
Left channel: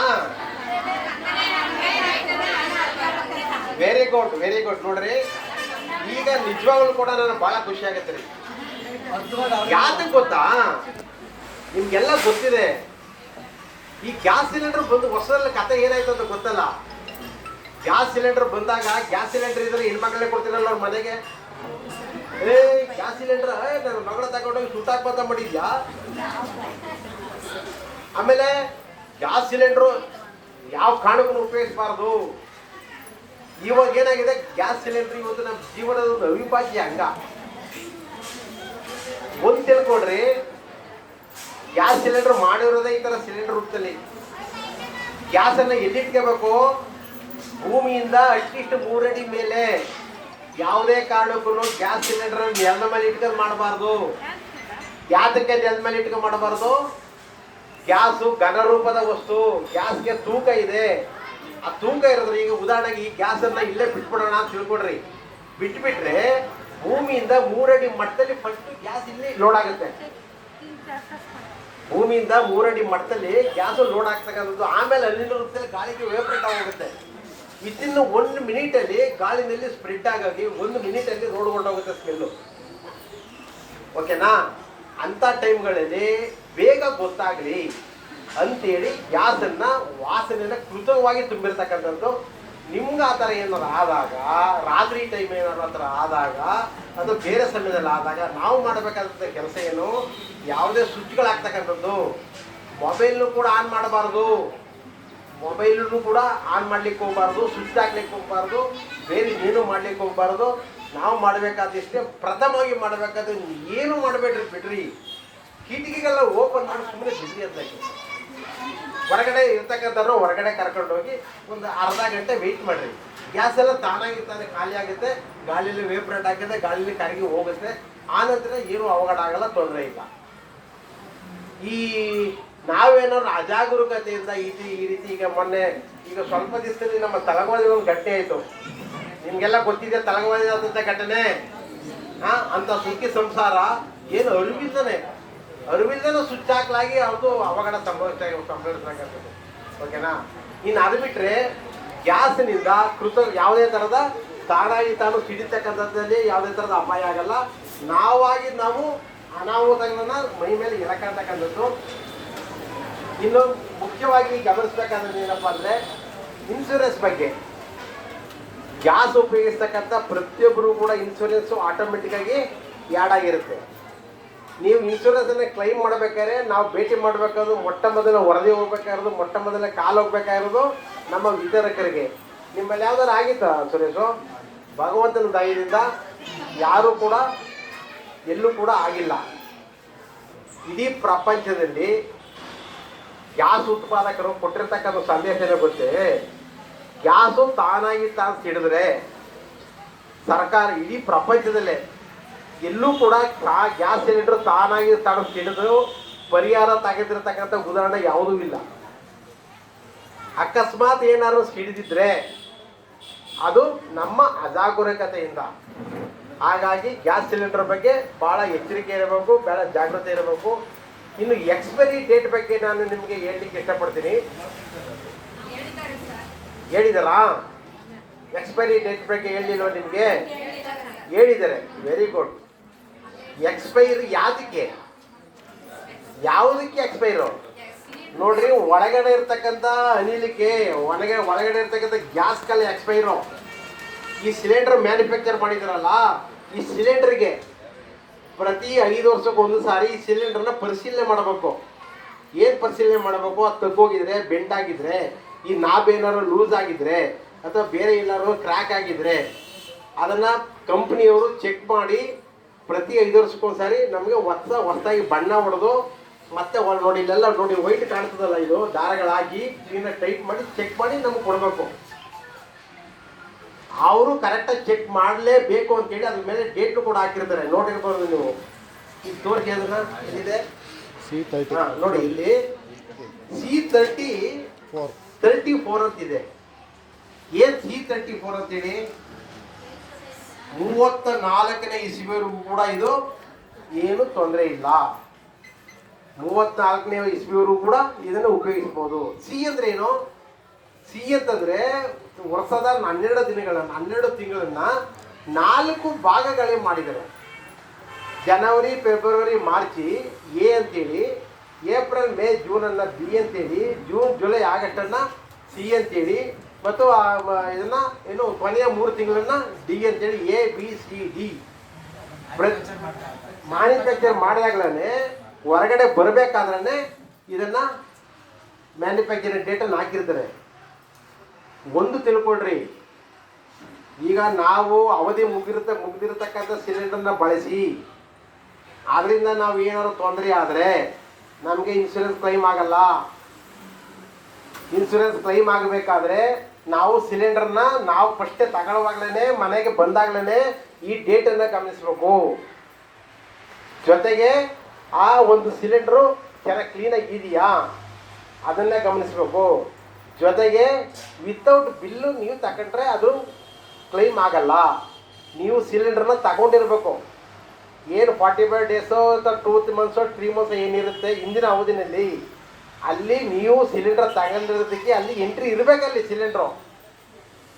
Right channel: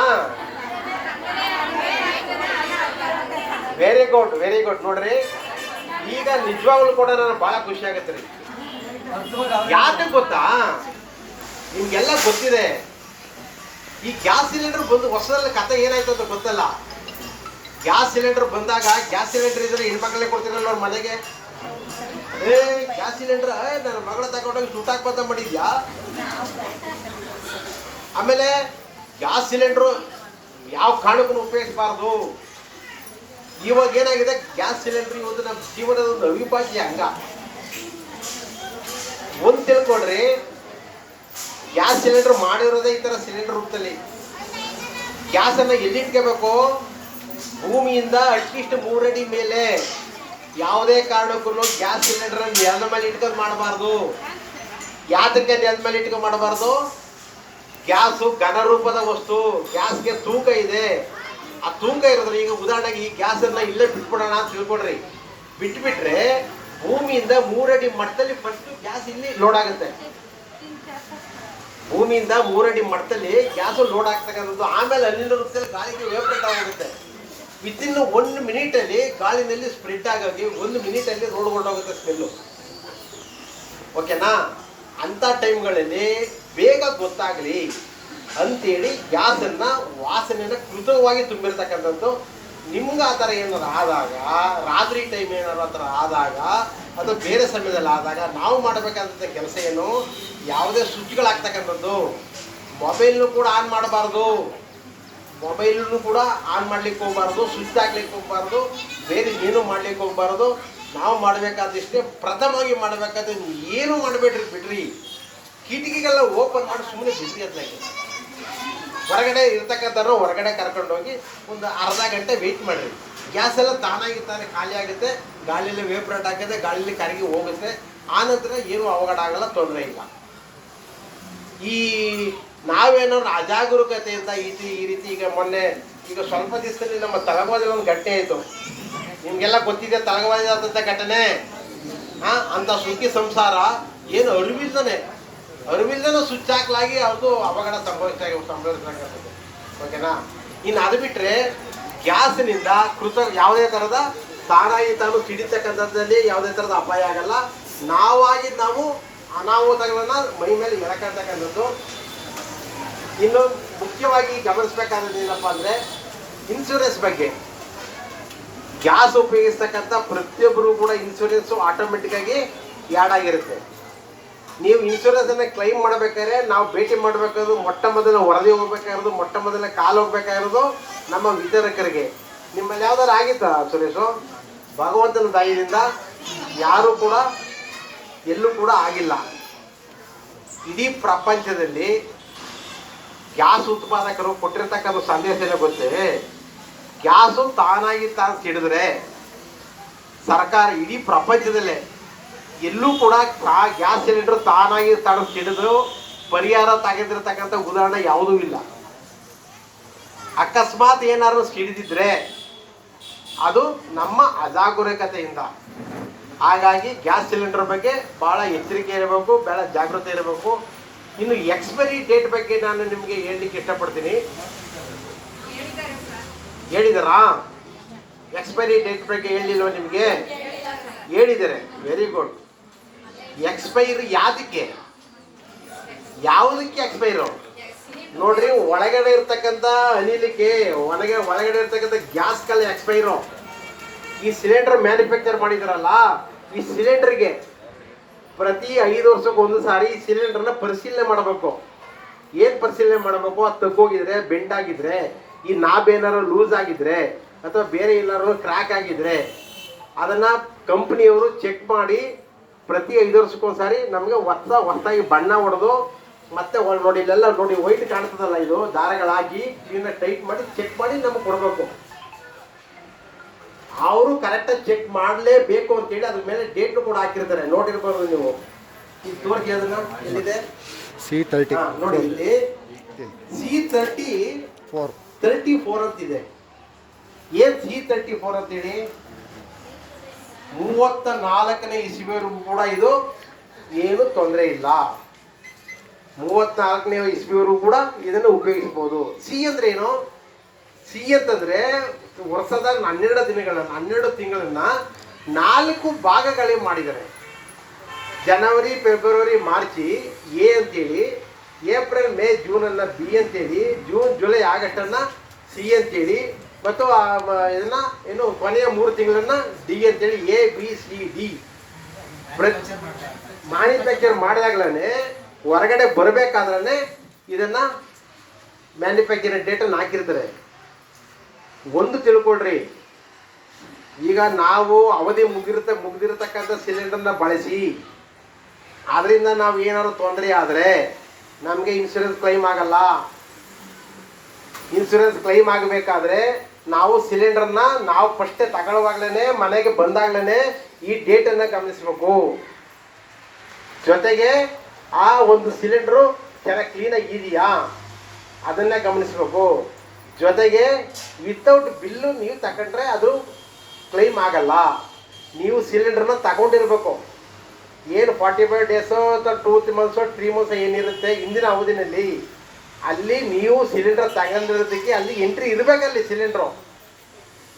ವೆರಿ ಗುಡ್ ನೋಡ್ರಿ. ಈಗ ನಿಜವಾಗ್ಲೂ ಕೂಡ ನನಗೆ ಬಹಳ ಖುಷಿ ಆಗತ್ತೆ ರೀ. ಯಾಕೆ ಗೊತ್ತಾ? ನಿಮ್ಗೆಲ್ಲ ಗೊತ್ತಿದೆ, ಈ ಗ್ಯಾಸ್ ಸಿಲಿಂಡರ್ ಬಂದು ವರ್ಷದಲ್ಲಿ ಕತೆ ಏನಾಯ್ತು ಅಂತ ಗೊತ್ತಲ್ಲ. ಗ್ಯಾಸ್ ಸಿಲಿಂಡರ್ ಬಂದಾಗ, ಗ್ಯಾಸ್ ಸಿಲಿಂಡರ್ ಇದ್ರೆ ಹೆಣ್ಮಕ್ಳೇ ಕೊಡ್ತಿರಲ್ಲ ಅವ್ರ ಮನೆಗೆ. ಗ್ಯಾಸ್ ಸಿಲಿಂಡರ್ ನನ್ನ ಮಗಳ ತಗೊಂಡೋಗಿ ಸುಟ್ಟಾಕ್ಬಂತ ಮಾಡಿದ್ಯಾ? ಆಮೇಲೆ ಗ್ಯಾಸ್ ಸಿಲಿಂಡ್ರು ಯಾವ ಕಾರಣಕ್ಕೂ ಉಪಯೋಗಿಸಬಾರ್ದು. ಇವಾಗ ಏನಾಗಿದೆ, ಗ್ಯಾಸ್ ಸಿಲಿಂಡರ್ ಇವತ್ತು ನಮ್ಮ ಜೀವನದ ಒಂದು ಅವಿಭಾಜ್ಯ ಅಂಗ. ಒಂದು ತಿಳ್ಕೊಳ್ರಿ, ಗ್ಯಾಸ್ ಸಿಲಿಂಡರ್ ಮಾಡಿರೋದೇ ಈ ಥರ ಸಿಲಿಂಡರ್ ರೂಪದಲ್ಲಿ. ಗ್ಯಾಸನ್ನು ಎಲ್ಲಿಟ್ಕೋಬೇಕು? ಭೂಮಿಯಿಂದ ಅಟ್ಲೀಸ್ಟ್ 3 ಅಡಿ ಮೇಲೆ. ಯಾವುದೇ ಕಾರಣಕ್ಕೂ ಗ್ಯಾಸ್ ಸಿಲಿಂಡರ್ ನೆಲದ ಮೇಲೆ ಇಟ್ಕೊಂಡು ಮಾಡಬಾರ್ದು. ಯಾತಕ್ಕೆ ನೆಲದ ಮೇಲೆ ಇಟ್ಕೊಂಡು ಮಾಡಬಾರ್ದು? ಗ್ಯಾಸು ಘನರೂಪದ ವಸ್ತು, ಗ್ಯಾಸ್ಗೆ ತೂಕ ಇದೆ. ಆ ತೂಕ ಇರೋದ್ರೆ, ಈಗ ಉದಾಹರಣೆಗೆ ಈ ಗ್ಯಾಸನ್ನು ಇಲ್ಲೇ ಬಿಟ್ಬಿಡೋಣ ಅಂತ ತಿಳ್ಕೊಡ್ರಿ. ಬಿಟ್ಬಿಟ್ರೆ ಭೂಮಿಯಿಂದ 3 ಅಡಿ ಮಟ್ಟದಲ್ಲಿ ಫಸ್ಟ್ ಗ್ಯಾಸ್ ಇಲ್ಲಿ ಲೋಡ್ ಆಗುತ್ತೆ. ಭೂಮಿಯಿಂದ 3 ಅಡಿ ಮಟ್ಟದಲ್ಲಿ ಗ್ಯಾಸ್ ಲೋಡ್ ಆಗ್ತಕ್ಕಂಥದ್ದು. ಆಮೇಲೆ ಅಲ್ಲಿಂದ ಗಾಳಿಗೆ ವೇಪರೇಟ್ ಆಗುತ್ತೆ. ವಿತಿನ್ 1 ಮಿನಿಟಲ್ಲಿ ಗಾಳಿನಲ್ಲಿ ಸ್ಪ್ರೆಡ್ ಆಗಿ 1 ಮಿನಿಟಲ್ಲಿ ರೋಡ್ ಹೊರಟೋಗುತ್ತೆ ಸ್ಮೆಲ್ಲು. ಓಕೆನಾ? ಅಂಥ ಟೈಮ್ಗಳಲ್ಲಿ ಬೇಗ ಗೊತ್ತಾಗಲಿ ಅಂತೇಳಿ ಗ್ಯಾಸನ್ನು ವಾಸನೆಯನ್ನು ಕೃತಕವಾಗಿ ತುಂಬಿರ್ತಕ್ಕಂಥದ್ದು. ನಿಮ್ಗೆ ಆ ಥರ ಏನಾರು ಆದಾಗ, ರಾತ್ರಿ ಟೈಮ್ ಏನಾರು ಆ ಥರ ಆದಾಗ, ಅದು ಬೇರೆ ಸಮಯದಲ್ಲಿ ಆದಾಗ ನಾವು ಮಾಡಬೇಕಾದಂಥ ಕೆಲಸ ಏನು? ಯಾವುದೇ ಸ್ವಿಚ್ಗಳಾಗ್ತಕ್ಕಂಥದ್ದು, ಮೊಬೈಲ್ನು ಕೂಡ ಆನ್ ಮಾಡಬಾರ್ದು. ಮೊಬೈಲನ್ನು ಕೂಡ ಆನ್ ಮಾಡ್ಲಿಕ್ಕೆ ಹೋಗ್ಬಾರ್ದು, ಸ್ವಿಚ್ ಹಾಕ್ಲಿಕ್ಕೆ ಹೋಗ್ಬಾರ್ದು, ಬೇರೆ ಏನು ಮಾಡ್ಲಿಕ್ಕೆ ಹೋಗ್ಬಾರ್ದು. ನಾವು ಮಾಡಬೇಕಾದಷ್ಟೇ ಪ್ರಥಮವಾಗಿ ಮಾಡಬೇಕಾದ್ರೆ ಏನು ಮಾಡಬೇಡ್ರಿ, ಬಿಡ್ರಿ. ಕಿಟಕಿಗೆಲ್ಲ ಓಪನ್ ಮಾಡಿ ಸುಮ್ಮನೆ ಬಿಡ್ರಿ ಅಂತ. ಹೊರಗಡೆ ಇರ್ತಕ್ಕಂಥವ್ರು ಹೊರಗಡೆ ಕರ್ಕೊಂಡು ಹೋಗಿ ಒಂದು ಅರ್ಧ ಗಂಟೆ ವೆಯ್ಟ್ ಮಾಡಿರಿ. ಗ್ಯಾಸ್ ಎಲ್ಲ ತಾನಾಗಿ ತಾನೇ ಖಾಲಿ ಆಗುತ್ತೆ, ಗಾಳಿಯಲ್ಲಿ ವೇಪರೇಟ್ ಆಗುತ್ತೆ, ಗಾಳಿಯಲ್ಲಿ ಕರಗಿ ಹೋಗುತ್ತೆ. ಆನಂತರ ಏನು ಅವಘಡ ಆಗಲ್ಲ, ತೊಂದರೆ ಇಲ್ಲ. ಈ ನಾವೇನಾದ್ರು ಅಜಾಗರೂಕತೆಯಿಂದ ಈ ರೀತಿ ಈಗ ಸ್ವಲ್ಪ ದಿವಸದಲ್ಲಿ ನಮ್ಮ ತಲಗವಾದಿ ಒಂದು ಘಟನೆ ಆಯಿತು. ನಿಮಗೆಲ್ಲ ಗೊತ್ತಿದೆ ತಲಗವಾದಿ ಆದಂಥ ಘಟನೆ. ಅಂತ ಸುಖಿ ಸಂಸಾರ ಏನು ಅರಿವಿಲ್ಲದ ಸ್ವಿಚ್ ಹಾಕ್ಲಾಗಿ ಅದು ಅವಘಡ ಸಂಭವಿಸ್ತಕ್ಕಂಥದ್ದು. ಓಕೆನಾ? ಇನ್ನು ಅದು ಬಿಟ್ಟರೆ ಗ್ಯಾಸ್ನಿಂದ ಯಾವುದೇ ಥರದ ತಾನಾಗಿ ತಾನು ಸಿಡಿತಕ್ಕಂಥದ್ದಲ್ಲಿ ಯಾವುದೇ ಥರದ ಅಪಾಯ ಆಗಲ್ಲ. ನಾವು ಅನಾಹುತಗಳನ್ನ ಮೈ ಮೇಲೆ ಎಳಕಂತಕ್ಕಂಥದ್ದು. ಇನ್ನು ಮುಖ್ಯವಾಗಿ ಗಮನಿಸಬೇಕಾದ್ರೆ ಏನಪ್ಪ ಅಂದರೆ ಇನ್ಶೂರೆನ್ಸ್ ಬಗ್ಗೆ. ಗ್ಯಾಸ್ ಉಪಯೋಗಿಸ್ತಕ್ಕಂಥ ಪ್ರತಿಯೊಬ್ಬರು ಕೂಡ ಇನ್ಶೂರೆನ್ಸು ಆಟೋಮೆಟಿಕ್ ಆಗಿ ಆ್ಯಡ್ ಆಗಿರುತ್ತೆ. ನೀವು ಇನ್ಶೂರೆನ್ಸನ್ನು ಕ್ಲೈಮ್ ಮಾಡಬೇಕಾದ್ರೆ ನಾವು ಭೇಟಿ ಮಾಡಬೇಕಾದ್ರು ಮೊಟ್ಟ ಮೊದಲ ವರದಿ ಹೋಗ್ಬೇಕಾಗಿರೋದು, ಮೊಟ್ಟ ಮೊದಲ ಕಾಲು ಹೋಗ್ಬೇಕಾಗಿರೋದು ನಮ್ಮ ವಿತರಕರಿಗೆ. ನಿಮ್ಮಲ್ಲಿ ಯಾವ್ದಾರು ಆಗಿತ್ತಾ ಸುರೇಶು? ಭಗವಂತನ ದಯದಿಂದ ಯಾರೂ ಕೂಡ ಎಲ್ಲೂ ಕೂಡ ಆಗಿಲ್ಲ. ಇಡೀ ಪ್ರಪಂಚದಲ್ಲಿ ಗ್ಯಾಸ್ ಉತ್ಪಾದಕರು ಕೊಟ್ಟಿರ್ತಕ್ಕಂಥ ಸಂದೇಶ ಗೊತ್ತೇ? ಗ್ಯಾಸು ತಾನಾಗಿ ತಾನು ಸಿಡಿದ್ರೆ ಸರ್ಕಾರ ಇಡೀ ಪ್ರಪಂಚದಲ್ಲೇ ಎಲ್ಲೂ ಕೂಡ ಗ್ಯಾಸ್ ಸಿಲಿಂಡರ್ ತಾನಾಗಿ ತಾನು ಸಿಡಿದು ಪರಿಹಾರ ತೆಗೆದಿರ್ತಕ್ಕಂಥ ಉದಾಹರಣೆ ಯಾವುದೂ ಇಲ್ಲ. ಅಕಸ್ಮಾತ್ ಏನಾದ್ರು ಸಿಡಿದಿದ್ರೆ ಅದು ನಮ್ಮ ಅಜಾಗರೂಕತೆಯಿಂದ. ಹಾಗಾಗಿ ಗ್ಯಾಸ್ ಸಿಲಿಂಡರ್ ಬಗ್ಗೆ ಬಹಳ ಎಚ್ಚರಿಕೆ ಇರಬೇಕು, ಬಹಳ ಜಾಗೃತಿ ಇರಬೇಕು. ಇನ್ನು ಎಕ್ಸ್ಪೈರಿ ಡೇಟ್ ಬಗ್ಗೆ ನಾನು ನಿಮಗೆ ಹೇಳಲಿಕ್ಕೆ ಇಷ್ಟಪಡ್ತೀನಿ. ಹೇಳಿದಾರಾ? ಎಕ್ಸ್ಪೈರಿ ಡೇಟ್ ಬಗ್ಗೆ ಹೇಳಿಲ್ವ ನಿಮಗೆ? ಹೇಳಿದ್ದಾರೆ. Very good. ಎಕ್ಸ್ಪೈರಿ ಯಾವುದಕ್ಕೆ ಎಕ್ಸ್ಪೈರು? ನೋಡ್ರಿ, ಒಳಗಡೆ ಇರ್ತಕ್ಕಂಥ ಅನಿಲಕ್ಕೆ ಒಳಗಡೆ ಇರ್ತಕ್ಕಂಥ ಗ್ಯಾಸ್ಗೆಲ್ಲ ಎಕ್ಸ್ಪೈರು. ಈ ಸಿಲಿಂಡರ್ ಮ್ಯಾನುಫ್ಯಾಕ್ಚರ್ ಮಾಡಿದಾರಲ್ಲ, ಈ ಸಿಲಿಂಡರ್ಗೆ ಪ್ರತಿ 5 ವರ್ಷಕ್ಕೆ ಒಂದು ಸಾರಿ ಈ ಸಿಲಿಂಡರ್ನ ಪರಿಶೀಲನೆ ಮಾಡಬೇಕು. ಏನು ಪರಿಶೀಲನೆ ಮಾಡಬೇಕು? ಅದು ತಗ್ಗೋಗಿದ್ರೆ, ಬೆಂಡ್ ಆಗಿದ್ರೆ, ಈ ನಾಬ್ ಏನಾರು ಲೂಸ್ ಆಗಿದ್ರೆ ಅಥವಾ ಬೇರೆ ಎಲ್ಲಾರು ಕ್ರ್ಯಾಕ್ ಆಗಿದ್ರೆ ಅದನ್ನು ಕಂಪ್ನಿಯವರು ಚೆಕ್ ಮಾಡಿ ಪ್ರತಿ 5 ವರ್ಷಕ್ಕೊಂದ್ಸಾರಿ ನಮಗೆ ಹೊಸದಾಗಿ ಬಣ್ಣ ಹೊಡೆದು ಮತ್ತೆ ನೋಡಿ, ಇಲ್ಲೆಲ್ಲ ನೋಡಿ ವೈಟ್ ಕಾಣ್ತದಲ್ಲ, ಇದು ದಾರಗಳಾಗಿ ಇದನ್ನ ಟೈಟ್ ಮಾಡಿ ಚೆಕ್ ಮಾಡಿ ನಮ್ಗೆ ಕೊಡಬೇಕು. ಅವರು ಕರೆಕ್ಟಾಗಿ ಚೆಕ್ ಮಾಡಲೇಬೇಕು ಅಂತೇಳಿ ಅದ್ರ ಮೇಲೆ ಡೇಟ್ ಕೂಡ ಹಾಕಿರ್ತಾರೆ. ನೋಡಿರ್ಬೋದು ನೀವು. ಈಗ ತೋರಿಸಿ ಅದನ್ನ. ಎಲ್ಲಿದೆ? C30. ನೋಡಿ ಇಲ್ಲಿ C34 ಅಂತಿದೆ. ಏನ್ C34 ಅಂತೇಳಿ? 34ನೇ ಇಸ್ವಿವರೆಗೂ ಕೂಡ ಇದು ಏನು ತೊಂದರೆ ಇಲ್ಲ. 34ನೇ ಇಸ್ವಿವರೆಗೂ ಕೂಡ ಇದನ್ನು ಉಪಯೋಗಿಸ್ಬೋದು. ಸಿ ಅಂದ್ರೆ ಏನು? ಸಿ ಅಂತಂದ್ರೆ ವರ್ಷದ 12 ತಿಂಗಳನ್ನ 4 ಭಾಗಗಳೇ ಮಾಡಿದ್ದಾರೆ. ಜನವರಿ, ಫೆಬ್ರವರಿ, ಮಾರ್ಚಿ ಎ ಅಂತೇಳಿ, ಏಪ್ರಿಲ್, ಮೇ, ಜೂನನ್ನ ಬಿ ಅಂತೇಳಿ, ಜೂನ್, ಜುಲೈ, ಆಗಸ್ಟನ್ನ ಸಿ ಅಂತೇಳಿ, ಮತ್ತು ಇದನ್ನ ಏನು ಕೊನೆಯ 3 ತಿಂಗಳನ್ನ ಡಿ ಅಂತೇಳಿ ABCD ಮ್ಯಾನುಫ್ಯಾಕ್ಚರ್ ಮಾಡಿದಾಗ್ಲೇ ಹೊರಗಡೆ ಬರಬೇಕಾದ್ರೆ ಇದನ್ನ ಮ್ಯಾನುಫ್ಯಾಕ್ಚರಿಂಗ್ ಡೇಟನ್ನು ಹಾಕಿರ್ತಾರೆ. ಒಂದು ತಿಳ್ಕೊಳ್ರಿ, ಈಗ ನಾವು ಅವಧಿ ಮುಗಿದಿರತಕ್ಕಂಥ ಸಿಲಿಂಡರ್ನ ಬಳಸಿ ಅದರಿಂದ ನಾವು ಏನಾದ್ರು ತೊಂದರೆ ಆದರೆ ನಮಗೆ ಇನ್ಶೂರೆನ್ಸ್ ಕ್ಲೈಮ್ ಆಗಲ್ಲ. ಇನ್ಸೂರೆನ್ಸ್ ಕ್ಲೈಮ್ ಆಗಬೇಕಾದ್ರೆ ನಾವು ಸಿಲಿಂಡರ್ನ ನಾವು ಫಸ್ಟೇ ತಗೊಳ್ಳುವಾಗ್ಲೇ ಮನೆಗೆ ಬಂದಾಗ್ಲೇ ಈ ಡೇಟನ್ನು ಗಮನಿಸಬೇಕು. ಜೊತೆಗೆ ಆ ಒಂದು ಸಿಲಿಂಡ್ರು ಚೆನ್ನಾಗಿ ಕ್ಲೀನಾಗಿ ಇದೆಯಾ ಅದನ್ನೇ ಗಮನಿಸಬೇಕು. ಜೊತೆಗೆ ವಿತೌಟ್ ಬಿಲ್ಲು ನೀವು ತಗೊಂಡ್ರೆ ಅದು ಕ್ಲೈಮ್ ಆಗಲ್ಲ. ನೀವು ಸಿಲಿಂಡರ್ನ ತಗೊಂಡಿರ್ಬೇಕು. ಏನು 45 ಡೇಸೋ ಅಥವಾ 2 ಮಂತ್ಸೋ 3 ಮಂತ್ಸೋ ಏನಿರುತ್ತೆ ಹಿಂದಿನ ಅವಧಿನಲ್ಲಿ, ಅಲ್ಲಿ ನೀವು ಸಿಲಿಂಡರ್ ತಗೊಂಡಿರೋದಕ್ಕೆ ಅಲ್ಲಿ ಎಂಟ್ರಿ ಇರಬೇಕಲ್ಲಿ. ಸಿಲಿಂಡ್ರು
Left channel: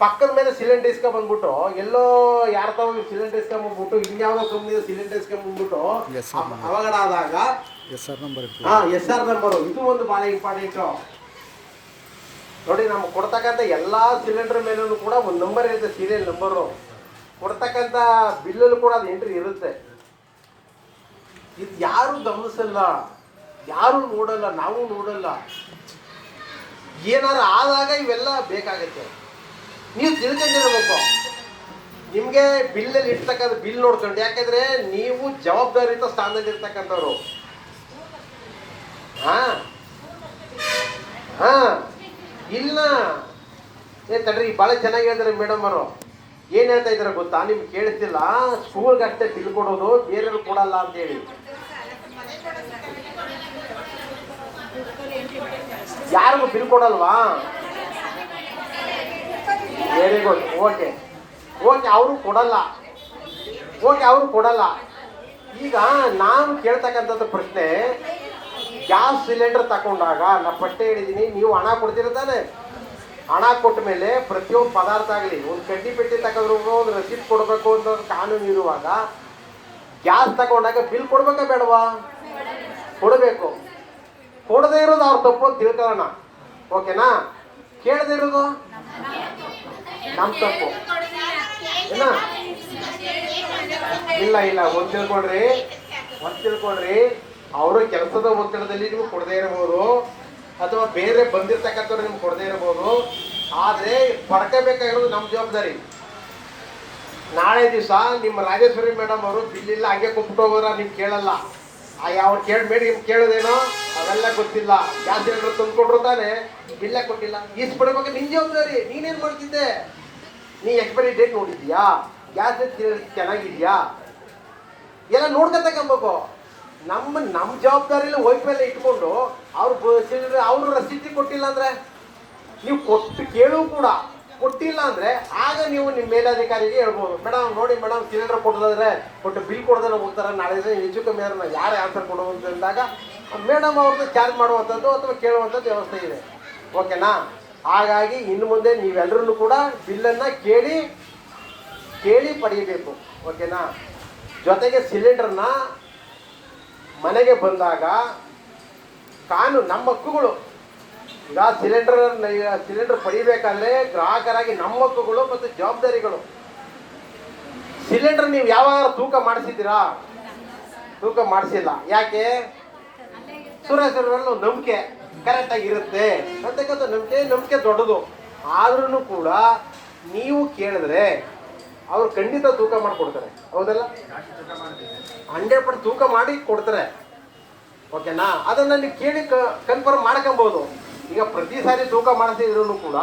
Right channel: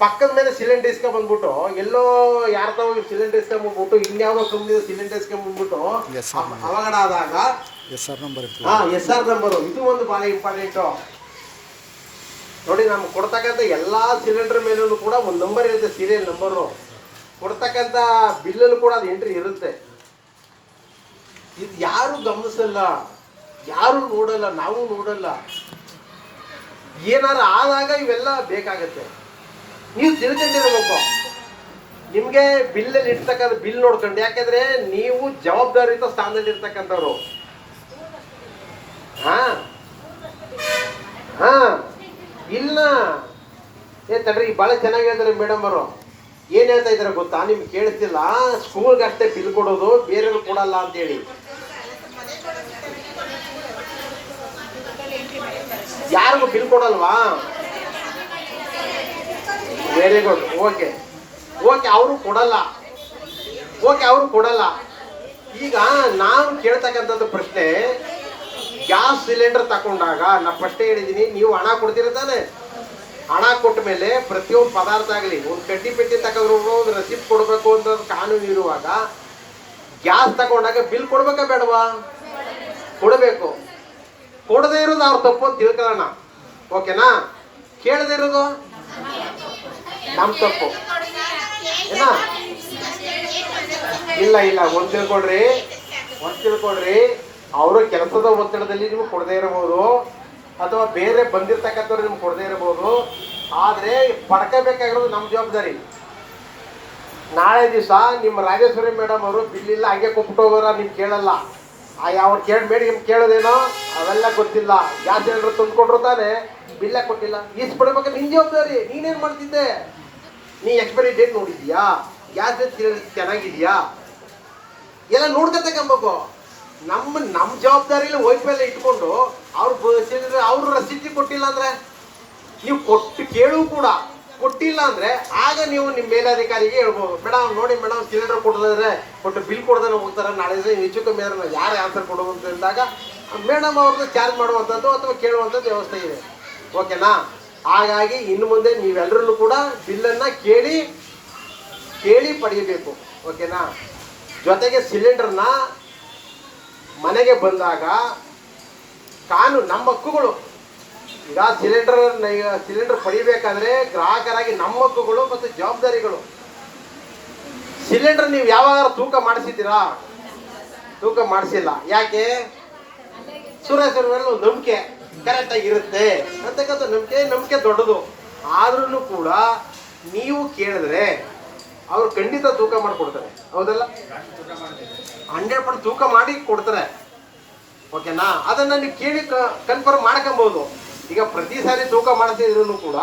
ಪಕ್ಕದ ಮೇಲೆ ಸಿಲಿಂಡರ್ ಇಸ್ಕೊಂಡ್ಬಂದ್ಬಿಟ್ಟು ಎಲ್ಲೋ ಯಾರ ತಾವು ಸಿಲಿಂಡರ್ ಇಸ್ಕೊಂಡ್ಬಂದ್ಬಿಟ್ಟು ಇನ್ಯಾವುದೋ ಸುಮ್ಮನೆ ಸಿಲಿಂಡರ್ ಇಸ್ಕೊಂಡ್ಬಂದ್ಬಿಟ್ಟು ಅವಘಡ ಆದಾಗ SR ನಂಬರ್ SR ನಂಬರು ಇದು ಒಂದು ಭಾಳ ಇಂಪಾರ್ಟೆಂಟು ನೋಡಿ. ನಮ್ಗೆ ಕೊಡ್ತಕ್ಕಂಥ ಎಲ್ಲ ಸಿಲಿಂಡರ್ ಮೇಲೂ ಕೂಡ ಒಂದು ನಂಬರ್ ಇರುತ್ತೆ, ಸೀರಿಯಲ್ ನಂಬರು. ಕೊಡ್ತಕ್ಕಂಥ ಬಿಲ್ಲಲ್ಲೂ ಕೂಡ ಅದು ಎಂಟ್ರಿ ಇರುತ್ತೆ. ಇದು ಯಾರು ಗಮನಿಸಲ್ಲ, ಯಾರು ನೋಡಲ್ಲ, ನಾವು ನೋಡಲ್ಲ. ಏನಾರು ಆದಾಗ ಇವೆಲ್ಲ ಬೇಕಾಗತ್ತೆ. ನೀವು ತಿಳ್ಕೊಂಡಿರ್ಬೇಕು. ನಿಮಗೆ ಬಿಲ್ಲಲ್ಲಿ ಇರ್ತಕ್ಕಂಥ ಬಿಲ್ ನೋಡ್ಕೊಂಡು, ಯಾಕೆಂದ್ರೆ ನೀವು ಜವಾಬ್ದಾರಿಯುತ ಸ್ಥಾನದಲ್ಲಿ ಇರ್ತಕ್ಕಂಥವ್ರು. ಇಲ್ಲ ತಡ್ರಿ, ಭಾಳ ಚೆನ್ನಾಗಿ ಹೇಳಿದ್ರೆ ಮೇಡಮ್ ಅವರು. ಏನು ಹೇಳ್ತಾ ಇದ್ದಾರೆ ಗೊತ್ತಾ, ನಿಮ್ಗೆ ಕೇಳಿಸ್ತಿಲ್ಲ. ಸ್ಕೂಲ್ಗೆ ಅಷ್ಟೇ ಬಿಲ್ ಕೊಡೋದು, ಬೇರೆಯವ್ರು ಕೊಡಲ್ಲ ಅಂತೇಳಿ. ಯಾರಿಗೂ ಬಿಲ್ ಕೊಡಲ್ವಾ? Very good. ಓಕೆ, ಅವರು ಕೊಡಲ್ಲ. ಅವರು ಕೊಡಲ್ಲ. ಈಗ ನಾವು ಕೇಳ್ತಕ್ಕಂಥದ್ದು ಪ್ರಶ್ನೆ, ಗ್ಯಾಸ್ ಸಿಲಿಂಡರ್ ತಗೊಂಡಾಗ ನಾನು ಫಸ್ಟೇ ಹೇಳಿದ್ದೀನಿ, ನೀವು ಹಣ ಕೊಡ್ತೀರ ತಾನೆ. ಹಣ ಕೊಟ್ಟ ಮೇಲೆ ಪ್ರತಿಯೊಂದು ಪದಾರ್ಥ ಆಗಲಿ, ಒಂದು ಕಡ್ಡಿ ಪೆಟ್ಟಿ ತಗೊಂಡ್ರು ಒಂದು ರಸೀದ್ ಕೊಡಬೇಕು ಅಂತ ಕಾನೂನು ಇರುವಾಗ, ಗ್ಯಾಸ್ ತಗೊಂಡಾಗ ಬಿಲ್ ಕೊಡ್ಬೇಕಾ ಬೇಡವಾ? ಕೊಡಬೇಕು. ಕೊಡದೇ ಇರೋದು ಅವ್ರ ತಪ್ಪು ಅಂತ ತಿಳ್ಕೊಳ್ಳೋಣ. ಓಕೆನಾ? ಕೇಳದೇ ಇರೋದು ನಮ್ಮ ತಪ್ಪು ಏನಾ? ಇಲ್ಲ ಒಂದು ತಿಳ್ಕೊಡ್ರಿ, ಅವರು ಕೆಲಸದ ಒತ್ತಡದಲ್ಲಿ ನೀವು ಕೊಡದೇ ಇರಬಹುದು, ಅಥವಾ ಬೇರೆ ಬಂದಿರ್ತಕ್ಕಂಥವ್ರು ನಿಮ್ಗೆ ಕೊಡದೇ ಇರಬಹುದು. ಆದರೆ ಪಡ್ಕೋಬೇಕಾಗಿರೋದು ನಮ್ಮ ಜವಾಬ್ದಾರಿ. ನಾಳೆ ದಿವಸ ನಿಮ್ಮ ರಾಜೇಶ್ವರಿ ಮೇಡಮ್ ಅವರು ಬಿಲ್ ಇಲ್ಲ ಹಂಗೆ ಕೊಟ್ಬಿಟ್ಟು ಹೋಗೋರ ನಿಮ್ಗೆ ಕೇಳಲ್ಲ. ಅವ್ರು ಮೇಡಮ್ ಕೇಳೋದೇನೋ ಅವೆಲ್ಲ ಗೊತ್ತಿಲ್ಲ. ಗ್ಯಾಸ್ ಸಿಲಿಂಡರ್ ತಂದ್ಕೊಟ್ರು ತಾನೆ, ಬಿಲ್ಲ ಕೊಟ್ಟಿಲ್ಲ, ಈಸ್ಬಿಡ್ಬೇಕು. ನಿನ್ನ ಜವಾಬ್ದಾರಿ. ನೀನೇನು ಮಾಡ್ತಿದ್ದೆ? ನೀ ಎಕ್ಸ್ಪೈರಿ ಡೇಟ್ ನೋಡಿದ್ಯಾ? ಗ್ಯಾಸ್ ಚೆನ್ನಾಗಿದ್ಯಾ? ಎಲ್ಲ ನೋಡ್ಕೊತಕ್ಕಂಬೇಕು. ನಮ್ಮ ಜವಾಬ್ದಾರಿಯಲ್ಲಿ ವೈಫೈ ಇಟ್ಕೊಂಡು ಅವ್ರು ರಸೀದಿ ಕೊಟ್ಟಿಲ್ಲ ಅಂದ್ರೆ, ನೀವು ಕೇಳು ಕೂಡ ಕೊಟ್ಟಿಲ್ಲ ಅಂದ್ರೆ, ಆಗ ನೀವು ನಿಮ್ಮ ಮೇಲಧಿಕಾರಿಗೆ ಹೇಳ್ಬೋದು, ಮೇಡಮ್ ನೋಡಿ ಮೇಡಮ್ ಸಿಲಿಂಡರ್ ಕೊಟ್ಟು ಬಿಲ್ ಕೊಡೋದ್ರೆ ಹೋಗ್ತಾರೆ, ನಾಳೆ ಹೆಚ್ಚು ಕಮ್ಮಿ ಆದ್ರೆ ಯಾರು ಆನ್ಸರ್ ಕೊಡೋದು ಅಂತ ಹೇಳಿದಾಗ ಮೇಡಮ್ ಅವ್ರದ್ದು ಚಾರ್ಜ್ ಮಾಡುವಂಥದ್ದು ಅಥವಾ ಕೇಳುವಂಥದ್ದು ವ್ಯವಸ್ಥೆ ಇದೆ. ಓಕೆನಾ? ಹಾಗಾಗಿ ಇನ್ನು ಮುಂದೆ ನೀವೆಲ್ಲರೂ ಕೂಡ ಬಿಲ್ಲನ್ನು ಕೇಳಿ ಪಡೆಯಬೇಕು. ಓಕೆನಾ? ಜೊತೆಗೆ ಸಿಲಿಂಡರ್ನ ಮನೆಗೆ ಬಂದಾಗ ಕಾನೂನು ನಮ್ಮ ಹಕ್ಕುಗಳು. ಈಗ ಸಿಲಿಂಡರ್ ಪಡಿಬೇಕಾದ್ರೆ ಗ್ರಾಹಕರಾಗಿ ನಮ್ಮ ಹಕ್ಕುಗಳು ಮತ್ತು ಜವಾಬ್ದಾರಿಗಳು. ಸಿಲಿಂಡರ್ ನೀವು ಯಾವಾಗ ತೂಕ ಮಾಡಿಸಿದ್ದೀರಾ? ತೂಕ ಮಾಡಿಸಿಲ್ಲ. ಯಾಕೆ? ಸುರೇಶ್ವರ ನಂಬಿಕೆ ಕರೆಕ್ಟಾಗಿ ಇರುತ್ತೆ ಅಂತಕ್ಕಂಥ ನಂಬಿಕೆ ದೊಡ್ಡದು. ಆದ್ರೂ ಕೂಡ ನೀವು ಕೇಳಿದ್ರೆ ಅವ್ರು ಖಂಡಿತ ತೂಕ ಮಾಡಿಕೊಡ್ತಾರೆ. ಹೌದಲ್ಲ? 100% ತೂಕ ಮಾಡಿ ಕೊಡ್ತಾರೆ. ಓಕೆನಾ? ಅದನ್ನ ನೀವು ಕೇಳಿ ಕನ್ಫರ್ಮ್ ಮಾಡ್ಕೊಬಹುದು. ಈಗ ಪ್ರತಿ ಸಾರಿ ತೂಕ ಮಾಡಿಸಿದ್ರು ಕೂಡ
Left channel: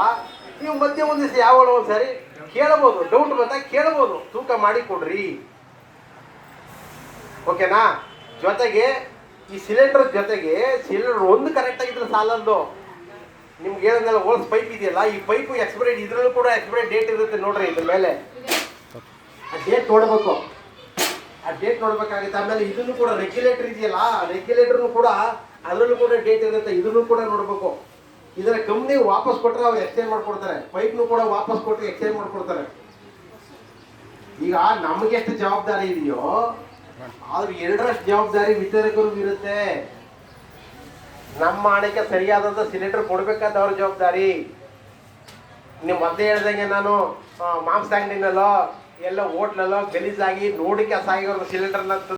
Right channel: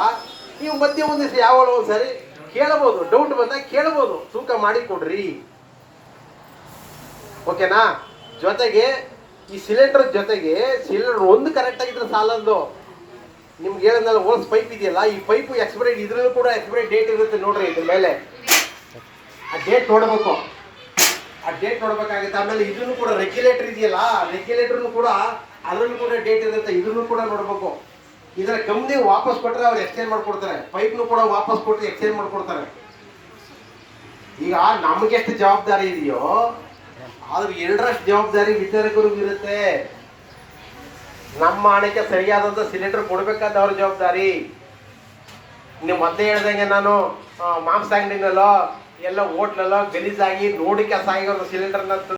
ನೀವು ಮಧ್ಯೆ ಒಂದು ದಿವಸ ಯಾವಾಗ ಒಂದ್ಸಾರಿ ಕೇಳಬಹುದು, ಡೌಟ್ ಬಂದಾಗ ಕೇಳಬಹುದು, ತೂಕ ಮಾಡಿ ಕೊಡ್ರಿ. ಓಕೆನಾ? ಜೊತೆಗೆ ಈ ಸಿಲಿಂಡರ್ ಜೊತೆಗೆ ಸಿಲಿಂಡರ್ ಒಂದು ಕರೆಕ್ಟ್ ಆಗಿದ್ರೆ ಸಾಲದ್ದು. ನಿಮ್ಗೆ ಹೇಳಿದ್ನಲ್ಲ, ಹೋಲ್ಸ್ ಪೈಪ್ ಇದೆಯಲ್ಲ, ಈ ಪೈಪು ಎಕ್ಸ್ಪೈರಿ, ಇದ್ರಲ್ಲೂ ಕೂಡ ಎಕ್ಸ್ಪೈರಿ ಡೇಟ್ ಇರುತ್ತೆ ನೋಡ್ರಿ. ಇದ್ರ ಮೇಲೆ ಆ ಡೇಟ್ ನೋಡ್ಬೇಕು. ಆ ಡೇಟ್ ನೋಡ್ಬೇಕಾಗುತ್ತೆ. ಆಮೇಲೆ ಇದನ್ನು ಕೂಡ ರೆಗ್ಯುಲೇಟರ್ ಇದೆಯಲ್ಲ, ರೆಗ್ಯುಲೇಟರ್ನು ಕೂಡ ಅದರಲ್ಲೂ ಕೂಡ ಡೇಟ್ ಇರುತ್ತೆ, ಇದನ್ನು ಕೂಡ ನೋಡ್ಬೇಕು. ಇದರ ಕಂಪ್ನಿ ವಾಪಸ್ ಕೊಟ್ಟರೆ ಅವ್ರು ಎಕ್ಸ್ಚೇಂಜ್ ಮಾಡ್ಕೊಡ್ತಾರೆ. ಪೈಪ್ನು ಕೂಡ ವಾಪಸ್ ಕೊಟ್ಟು ಎಕ್ಸ್ಚೇಂಜ್ ಮಾಡ್ಕೊಡ್ತಾರೆ. ಈಗ ನಮಗೆಷ್ಟು ಜವಾಬ್ದಾರಿ ಇದೆಯೋ ಆದ್ರೆ 2ರಷ್ಟು ಜವಾಬ್ದಾರಿ ವಿತರಕರಿಗೂ ಇರುತ್ತೆ. ನಮ್ಮ ಹಣಕ್ಕೆ ಸರಿಯಾದಂಥ ಸಿಲಿಂಡರ್ ಕೊಡ್ಬೇಕಾದ ಅವ್ರ ಜವಾಬ್ದಾರಿ. ನೀವು ಮೊದಲೇ ಹೇಳ್ದಂಗೆ, ನಾನು ಮಾಂಸ ಅಂಗಡಿನಲ್ಲೋ ಎಲ್ಲ ಹೋಟ್ಲಲ್ಲೋ ಗಲೀಜಾಗಿ ನೋಡಿ ಕೆಲಸ ಆಗಿರೋ ಸಿಲಿಂಡರ್ನ